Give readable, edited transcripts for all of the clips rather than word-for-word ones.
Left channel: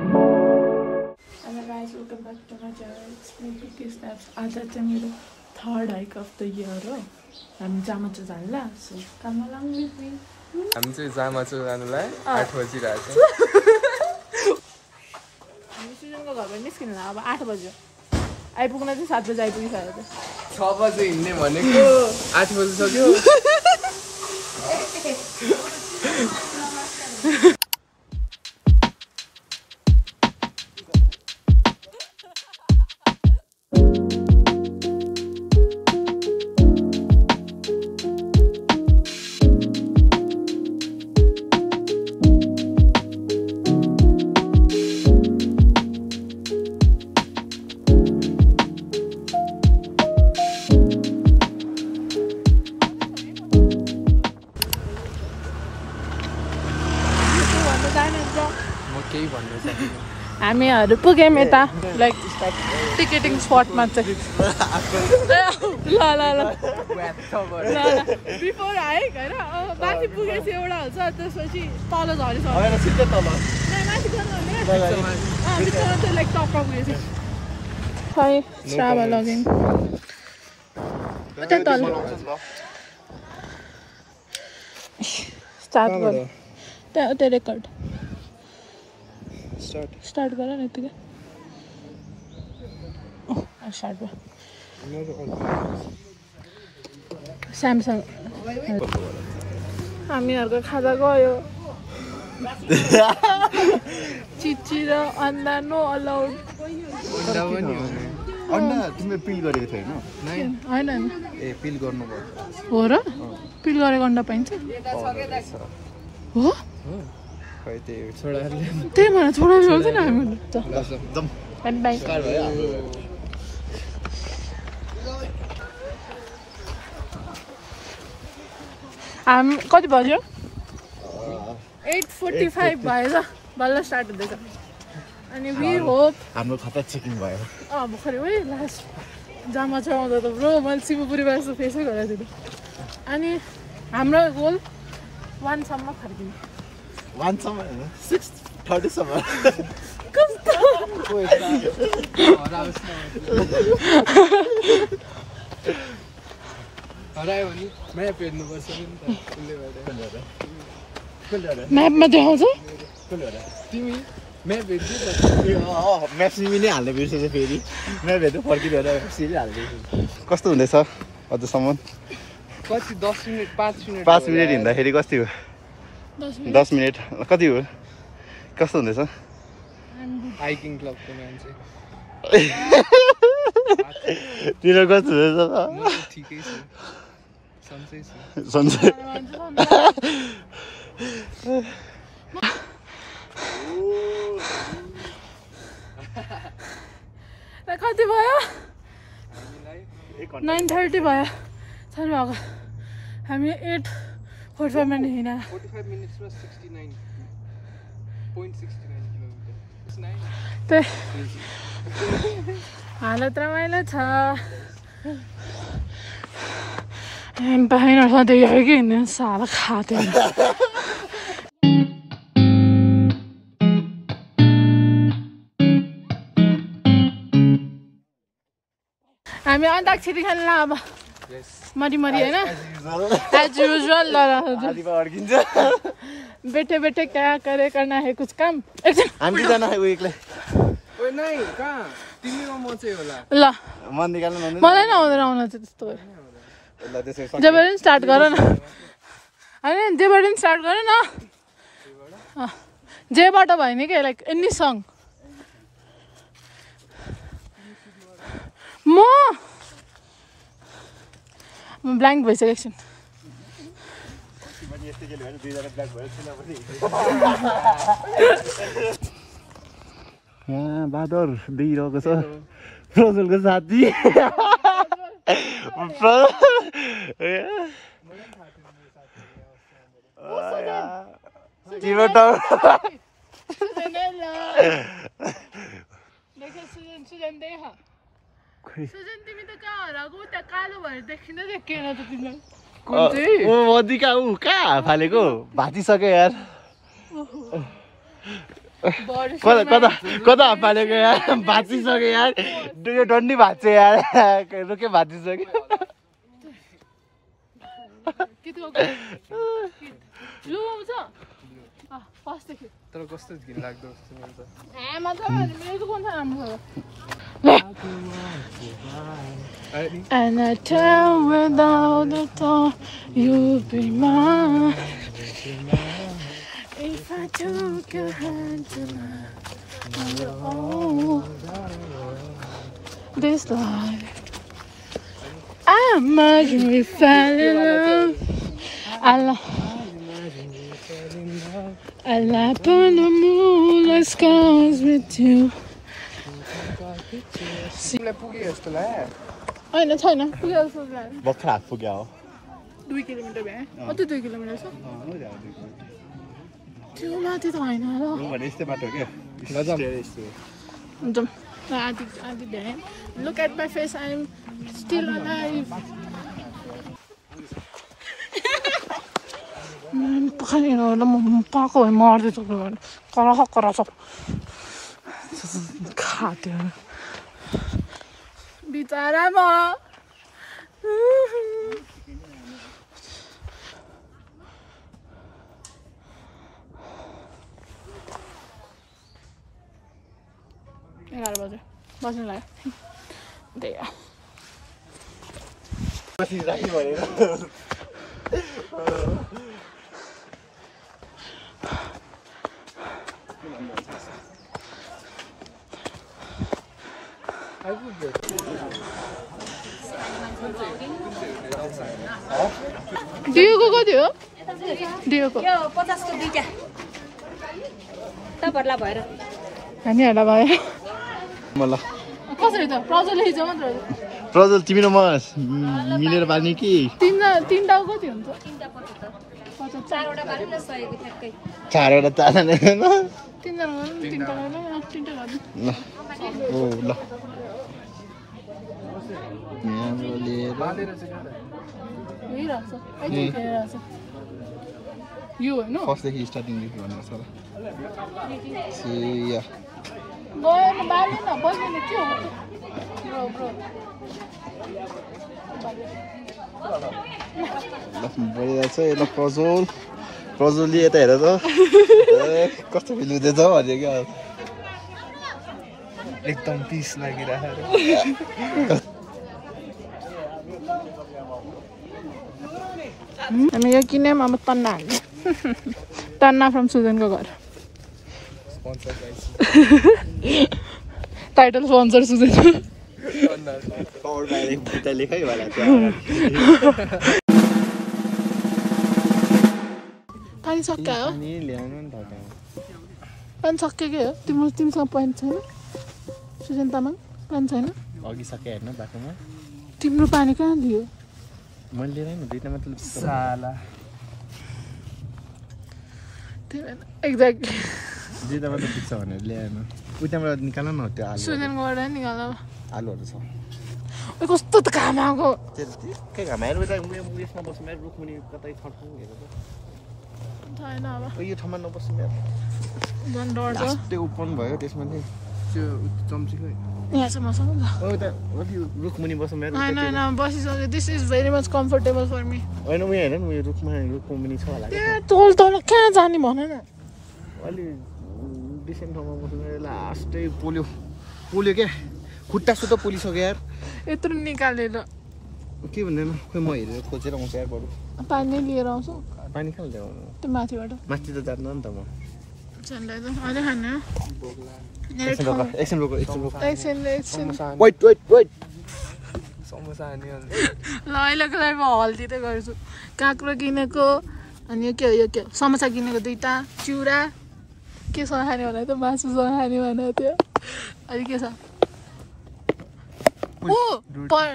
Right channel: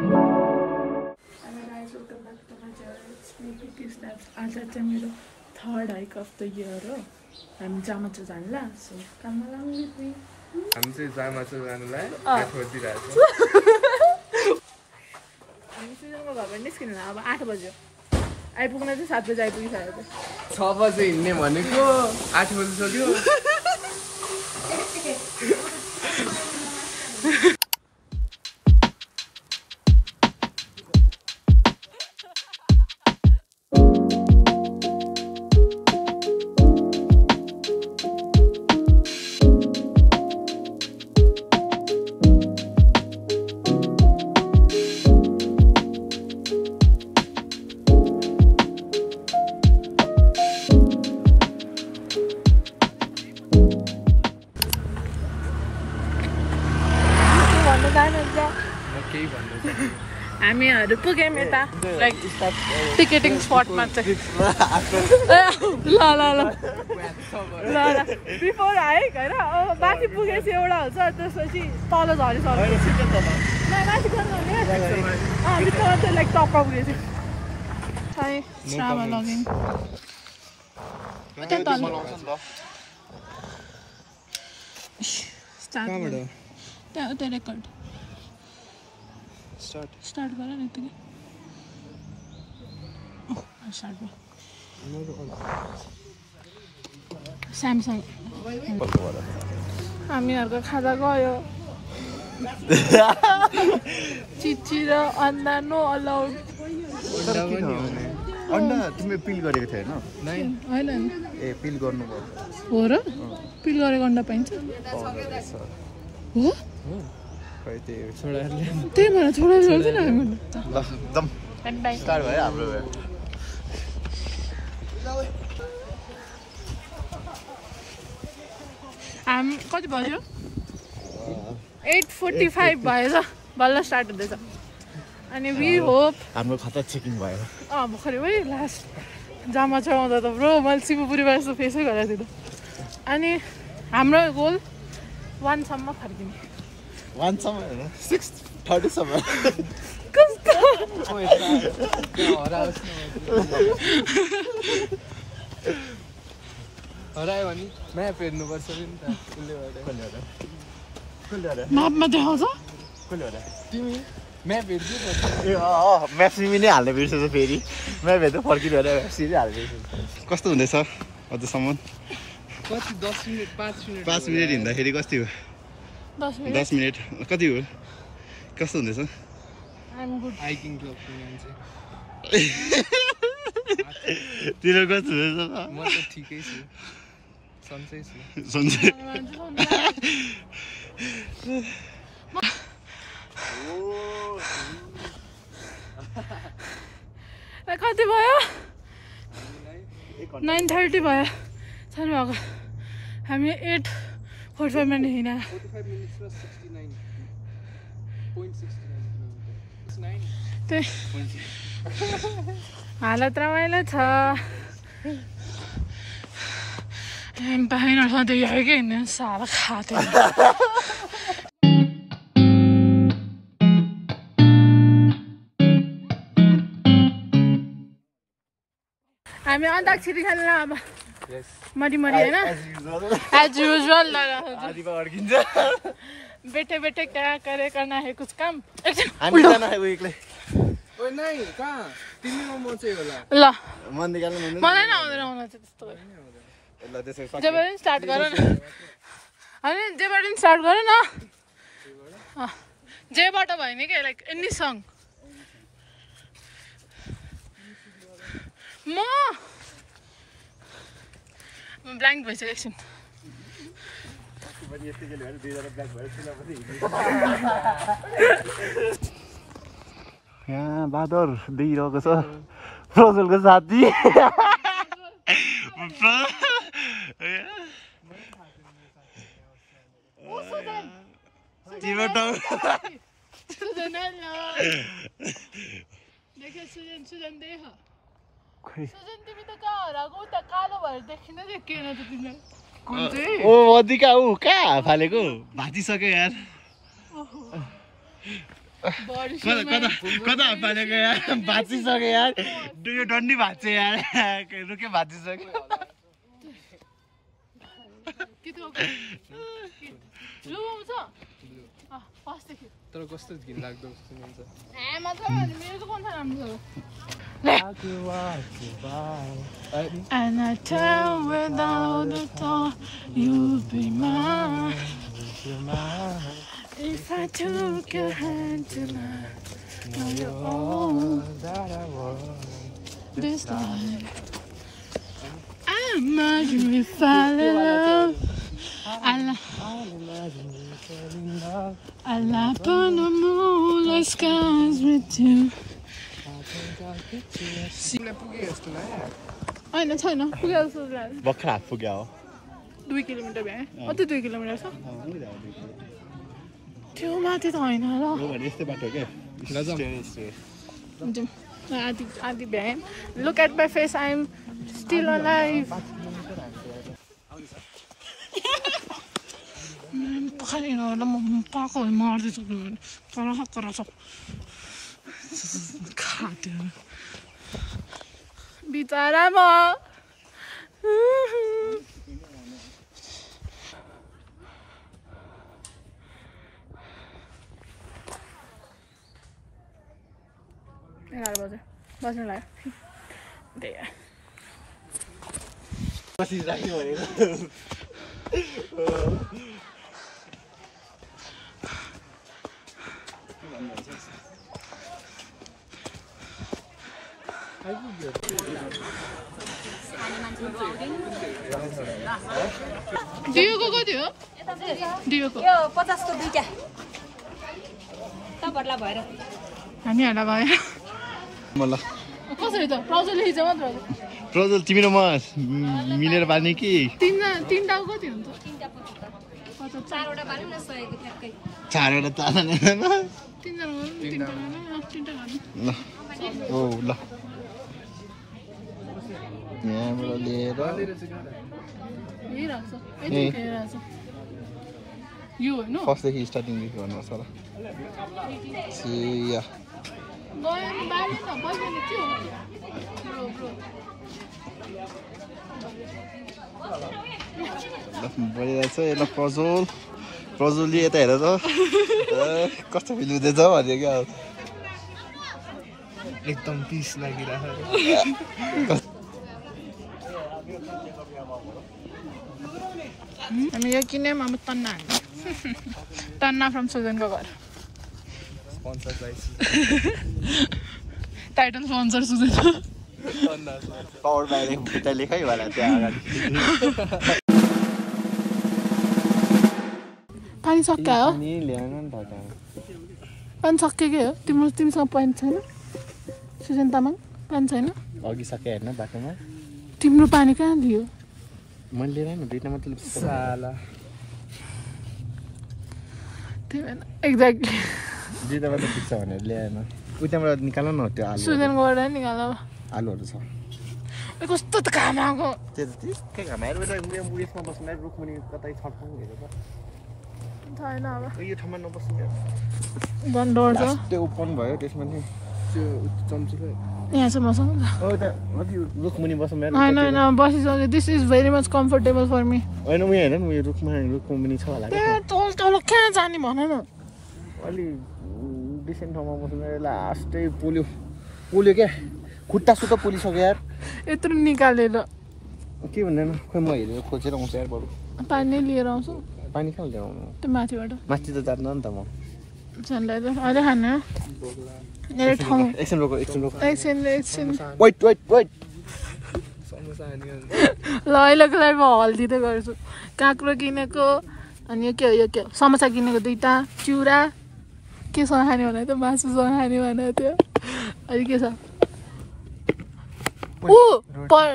Hello guys, welcome back to my channel. It's me PT Snaps. आज चाहिँ मेरो third hike of the year हो. हामी जामाचो जानला. So come along with me. हामी चाहिँ जामाचो जानलाई 8 बजिरहेछ. हामी सुजनको घरबाट निस्किनुला अब 8 बज्यो. आइपुग्न चाहिँ 7 बजे आइपुगिसक्यो. 6 बजे हिँड्ने भनेको 8 बजे सक्यो. हामीहरू पुग्यौँ यता लाइक टिकेटिङ स्पटमा चाहिँ ल बिफोर हाइक होइन माथि पुगेपछि एउटा हुन्छ त्यसपछि तल झरिसक्यो माथि चाहिँ लाइक टपमा पुगेपछि खै श्रावा लगिङ उता तल स्टार्ट गर त्यहाँ उता रेकर्ड स्टार्ट गर न यतिकै स्टार्ट भयो स्यामसङ हामीहरूको खाजा गयो चिची र अन्डा नो अलाउड अन्डा तिमीले पिल गरेको थियो होइन ए पिल गर्नुपर्छ हो र पिल गरेको अन्डा पाइन्छ हो त्यही भएर छोडेर ल्याउँछ नि हामीले हामी कति बज्यो 8:45 भएछ बल्ल स्टार्ट हुँदैछ अनि वी होप हाम्रो खाता चेकिङ भयो भर्खरै है लास्ट जामा चढाउँदा त ब्रो मैले शिवपुरीबाट यस्तो फेसै गरेको थिएँ अनि हाम्रो गोल 1 सम्म फर्किने 1 सम्म हैन 6:30 सम्म कस्तो हरायो भने म्याप हेर्नुपर्छ नि त म्यापमा देखाउँछ तिमी म्याप हेर्छु म्याप सिमी नै हाल्ने बिर्सेछ फेरि म्याप हेर्दै फर्किँदैन म्याप सिमी हाल्दै कस्तो हुँदैछ अझसम्म कति 10 मिनेट 5 मिनेट हिँड्दाखेरि कति हो 10 मिनेट कति हो कस्तो हुँदैछ हाइकिङ क्लबको मान्छे तिम्रो कस्तो हुँदैछ ठिकै छ सन्चै छ सन्चै कति भयो 9:30 भयो छैन भएको हामी 8:45 मिनट हिँड्यो 45 मिनेट्समा 69.69 त्यही हालत रमाइलो छ पाइनहरू सधैँ कि हिँड्नु साह्रो खाँथ्यो हामी अन्ताक्षरी खेल्ला अब मरी होइन एज युजुअल बैठे बैठे क्या करे करना है कुछ काम ल मलाई नै आउँदैन आउन चाहिँ त्यस्तो जेबाट स्टार्ट गर न होइन जेबाट स्टार्ट गर न जेबाट भयो नि क्या लाइक एनी सङ म ब्ल्याङ्क भइसकेको छु यहाँ बादर देखिरहेको छ प्रज्वलको साथी तिम्रो टाउ सुजन देखा सुजन तिमी त कहाँ हराएको उता कालो भएर देखिँदै देखिएन त तिमीलाई ओ अधिका ऊ कहाँ फालेको भाँचिसक्यो यार कता कता कता पालेको यार भाँचिसक्यो यार यो डन्डी भाँच्छ यार रोके भाँचिसक्यो तर कस्तो घिन लाग्दो स्मेल छ And I tell without the thought you'd be mine. If I took your hand tonight on your own, this life. I imagine we fell in love. I lap on the moonlit skies with you. तिमीलाई पुग्यो जस्तो लाग्यो होइन छैन पुग्यो जस्तो लाग्यो भर्खर हात पुग्यो हो 2 किलोमिटर भए अझै 2 किलोमिटर छ त्यो माथि त होइन र यस्तै बाटो के हुन्छ आदि भ्याएँ look at my face I am still alive पानी होला म पाएको भए मर्दैछु कराछ खाद्यो बिचरा म एघार बजे बस्नु लाग्यो दिएको कति हो दिएको 50 को दुईटा तपाईहरुलाई भएर हामीहरूलाई भयो मलाई कसरी त प्रजलले हिजो मात्र प्रजल तिमी र म मिलेर बाल्ने कि तीनटा कति हुन्छ चारवटा बाल्नु न 100 को ठ्याक्कै चारवटा चारजना तीनजना तीनटा ल ओ ल यहाँबाट लिएर यो होइन फर्स्टदेखि स्टार्टिङदेखि भन्नुपर्छ होला या गयो बाल्नु न बस्दैन के हो ल भइरहेछ ल प्रजोलले यता हेर त कस्तो फिल हुँदैछ भन्यो क्या एकदम पिस लागिरहेको हामी यो किन्यौँ अब तन्ना हाल्ने तन्ना फ्रम सुजनको घर टाइटल स्पोन्सर सुजन लेखाइ होला त्यहाँ पानी सक्यो हो ल्याउनु नि त पानी सकिएकै हो तिमीसँग पानी छैन सुजन तामाङ पानी छैन अघि सके हेर्न बाटोमा तिम्रो पानी कहाँ लियो मैले लिएर न दुईटा मात्र साला एक्ज्याक्टली दुईटा मात्र पुग्छ भनेर ल्याएन उताबाट निकाल न त्यो आलु सुजनबाट निकाल आलुहरू छ कस्तो त घाम आएको के घाम आएर उता उयसमा बस्नु मेरो रुखमुनि कतै छठाउँ हेर त छैन अब यो ठाउँमा नबस्नु मेरो झन् डर छ लास्टै ओपन भयो त्यसमा नि त्यो चम्ची खै यहाँसम्म छ हो त्यहाँ अघि रुखमुनि बस्नु मेरो होइन बसिसक्यो this is very much comfortable for me होइन उयो हेर न उयो रुखमुनि छ होला त्यहाँ तल तल कहाँ जाने भन न अलि डिसेन्ट ठाउँमा बस्नु लास्टै पोल्यो क्या खुट्टा सुत्ता पोलिसक्यो यार यत्रो निकालेर के भन्दैन खोइ म हेरेर खोजेर आउँछु यार बरु पानी लिएर आउँछु पानी कहाँ ल्याउनु त्यो माथिबाट माथि त जान्न नि त म झन्डै त अहिले खानु एकछिन रोको एकछिन वेट समोसा हानी ल अहिलेको लागि म हल्दी त गर्छु काँक्रो किनेको अनि यो के हो समोसा किनेको 2टा चिउरा के छ खाने भने त मासु छ खाने भने त्यो अनि के छ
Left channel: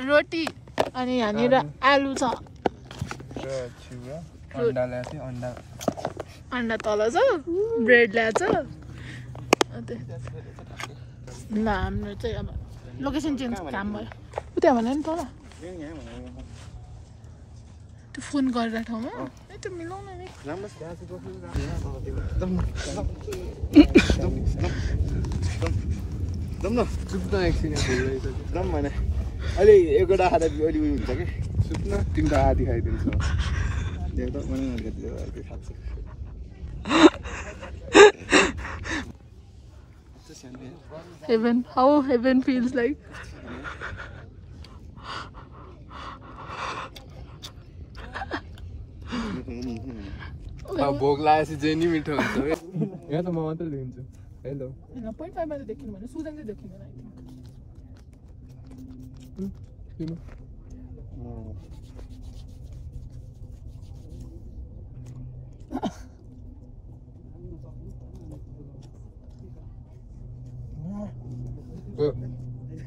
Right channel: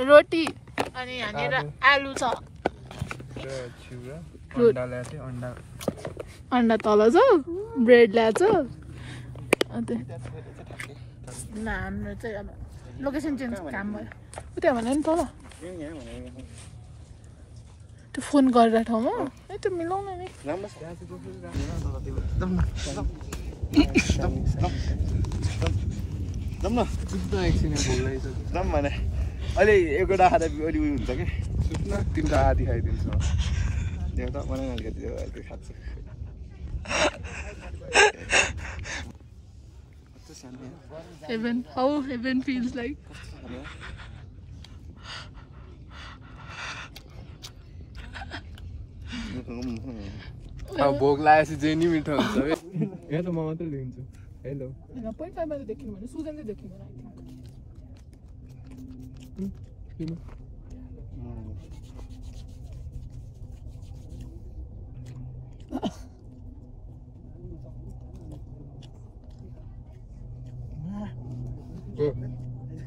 रोटी अनि यहाँनिर आलु छ चिउरा अन्डा ल्याएको थिएँ अन्डा तल छ ब्रेड ल्याएको छ ल हाम्रो चाहिँ अब लोकेसन चेन्ज काम भयो उता भने नि तल त्यो फोन गरेर ठाउँमा है त्यो मिलाउन नि अहिले एउटा खाँदा अलि उयो हुन्छ कि सुत्न तिम्रो आधी खाइदिन्छ Heaven, how heaven feels like. भोक लागेपछि जे नि मिठो हुन्छ है यहाँ त म मात्रै लिन्छु हेलो 0.5 मा देखिनु भने सुजन चाहिँ देखिनु आई थिंक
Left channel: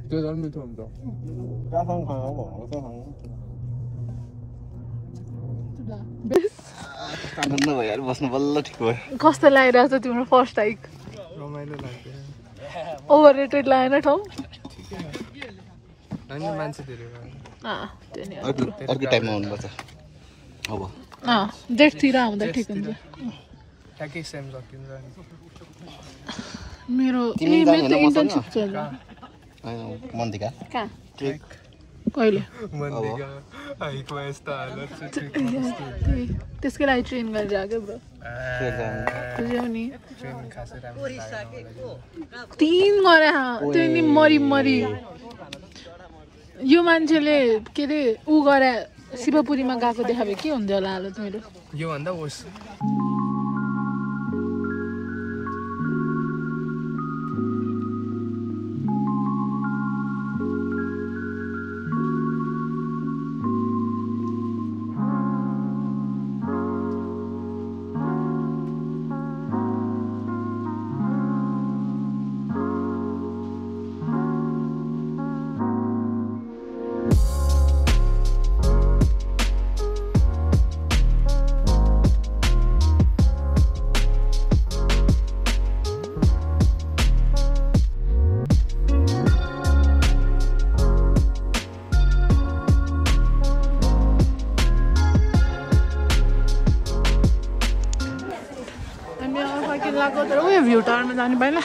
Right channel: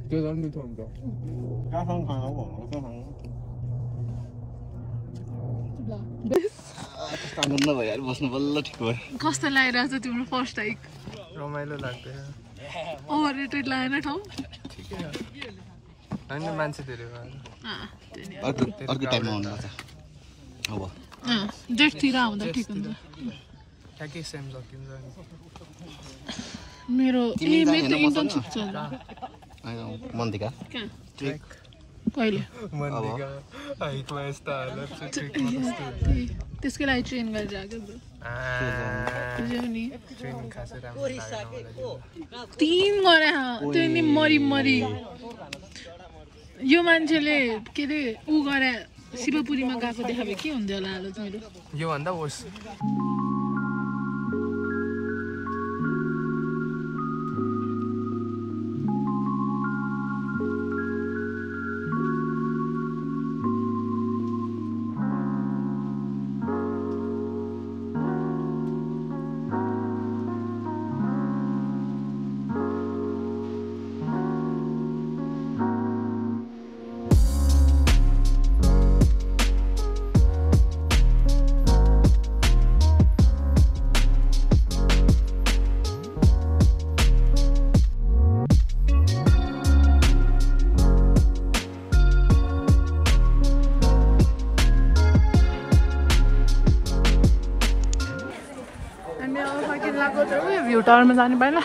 त्यो झन् मिठो हुन्छ भइहाल्यो बस्नु बल्ल ठिक भयो कस्तो लागिरहेछ तिम्रो फर्स्ट हाइक रमाइलो लाग्दैन ओभररेटेड लागेन ठाउँ होइन मान्छे धेरै अर्को टाइममा हुनुपर्छ अब डेटतिर आउँदा ठिक हुन्छ ठ्याक्कै सेम सकिन्छ मेरो मेरो इन्टर्नसिप चल्छ मन्दिका कहाँ कहिले त्यसकै लागि ट्रेन गरेर आएको ब्रो नि 3 गरे त्यो नि मरी यो मान्छेले के अरे ऊ गरे शिवपुरीमा गएको देखा भए के हुन्थ्यो होला हालत मेरो यो भन्दा होस् भ्यू टावरमा जाने पहिला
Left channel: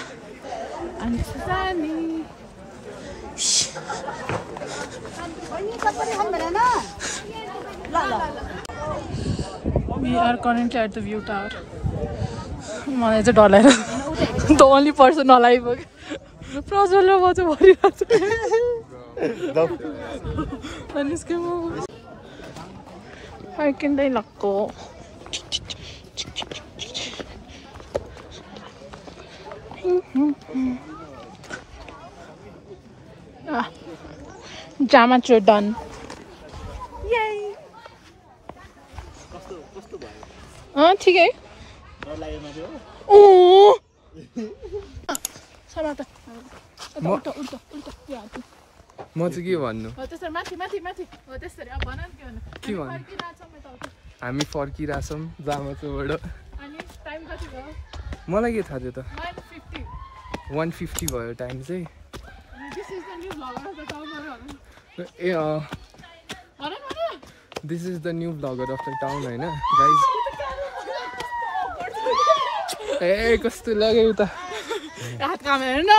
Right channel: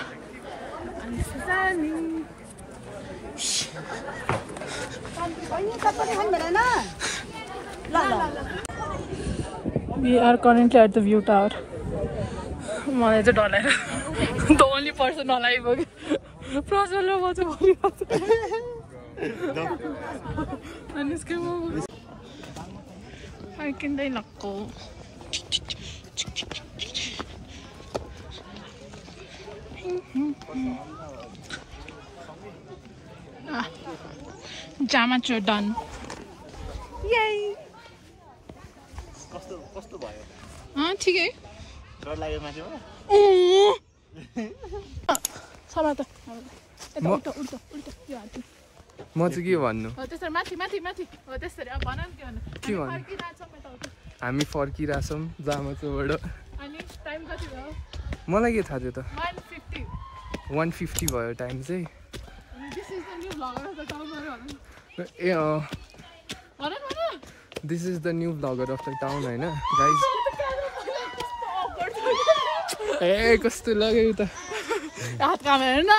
We are currently at the view tower. मलाई चाहिँ डर लागेर द ओन्ली पर्सन नलागिपुग्यो प्रज्वलले म चाहिँ भरिरहेको छु निस्क्यो म फर्किँदै लक्को Jamacho done. Yay! कस्तो भयो ठीक है डर लाग्यो माथि हो समात उल्टा उल्टा उल्टा यो हात म चाहिँ के भन्नु हो त्यसरी माथि माथि माथि हो त्यसरी अब भन के भन्नु हामी फर्किरहेछौँ जामाचोबाट अनि टाइम कति भयो मलाई के थाहा थियो त 150 भयो टाइम चाहिँ this is the new vlogger of the town होइन गाइज ए कस्तो लाग्यो त हात काम हेर्न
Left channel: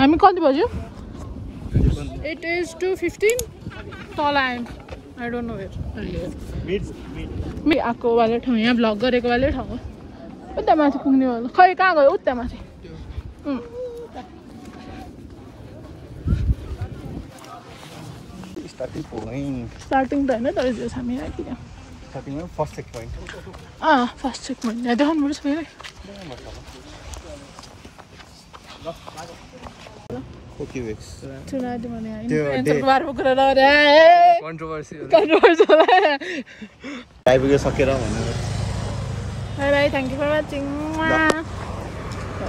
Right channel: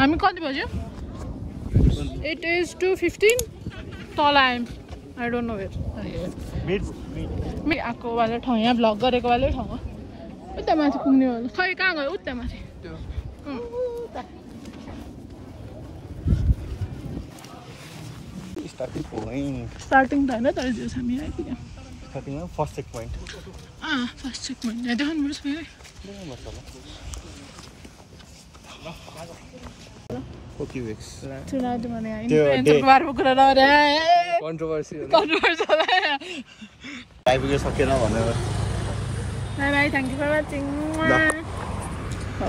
हामी कति बज्यो इट इज 2:15 तल आयौँ आई डोन्ट नो वेयर मी आएको वाले ठाउँ यहाँ भ्लग गरेको वाले ठाउँ हो उता माथि पुग्ने वाला खै कहाँ गयो उता माथि स्टार्टिङ त होइन तर त्यो हामी आइपुग्यौँ first check point first check point यहाँ देखाउनु पर्छ फेरि चुनाव भने आइपुग्यो सकेर भनेर bye bye thank you for watching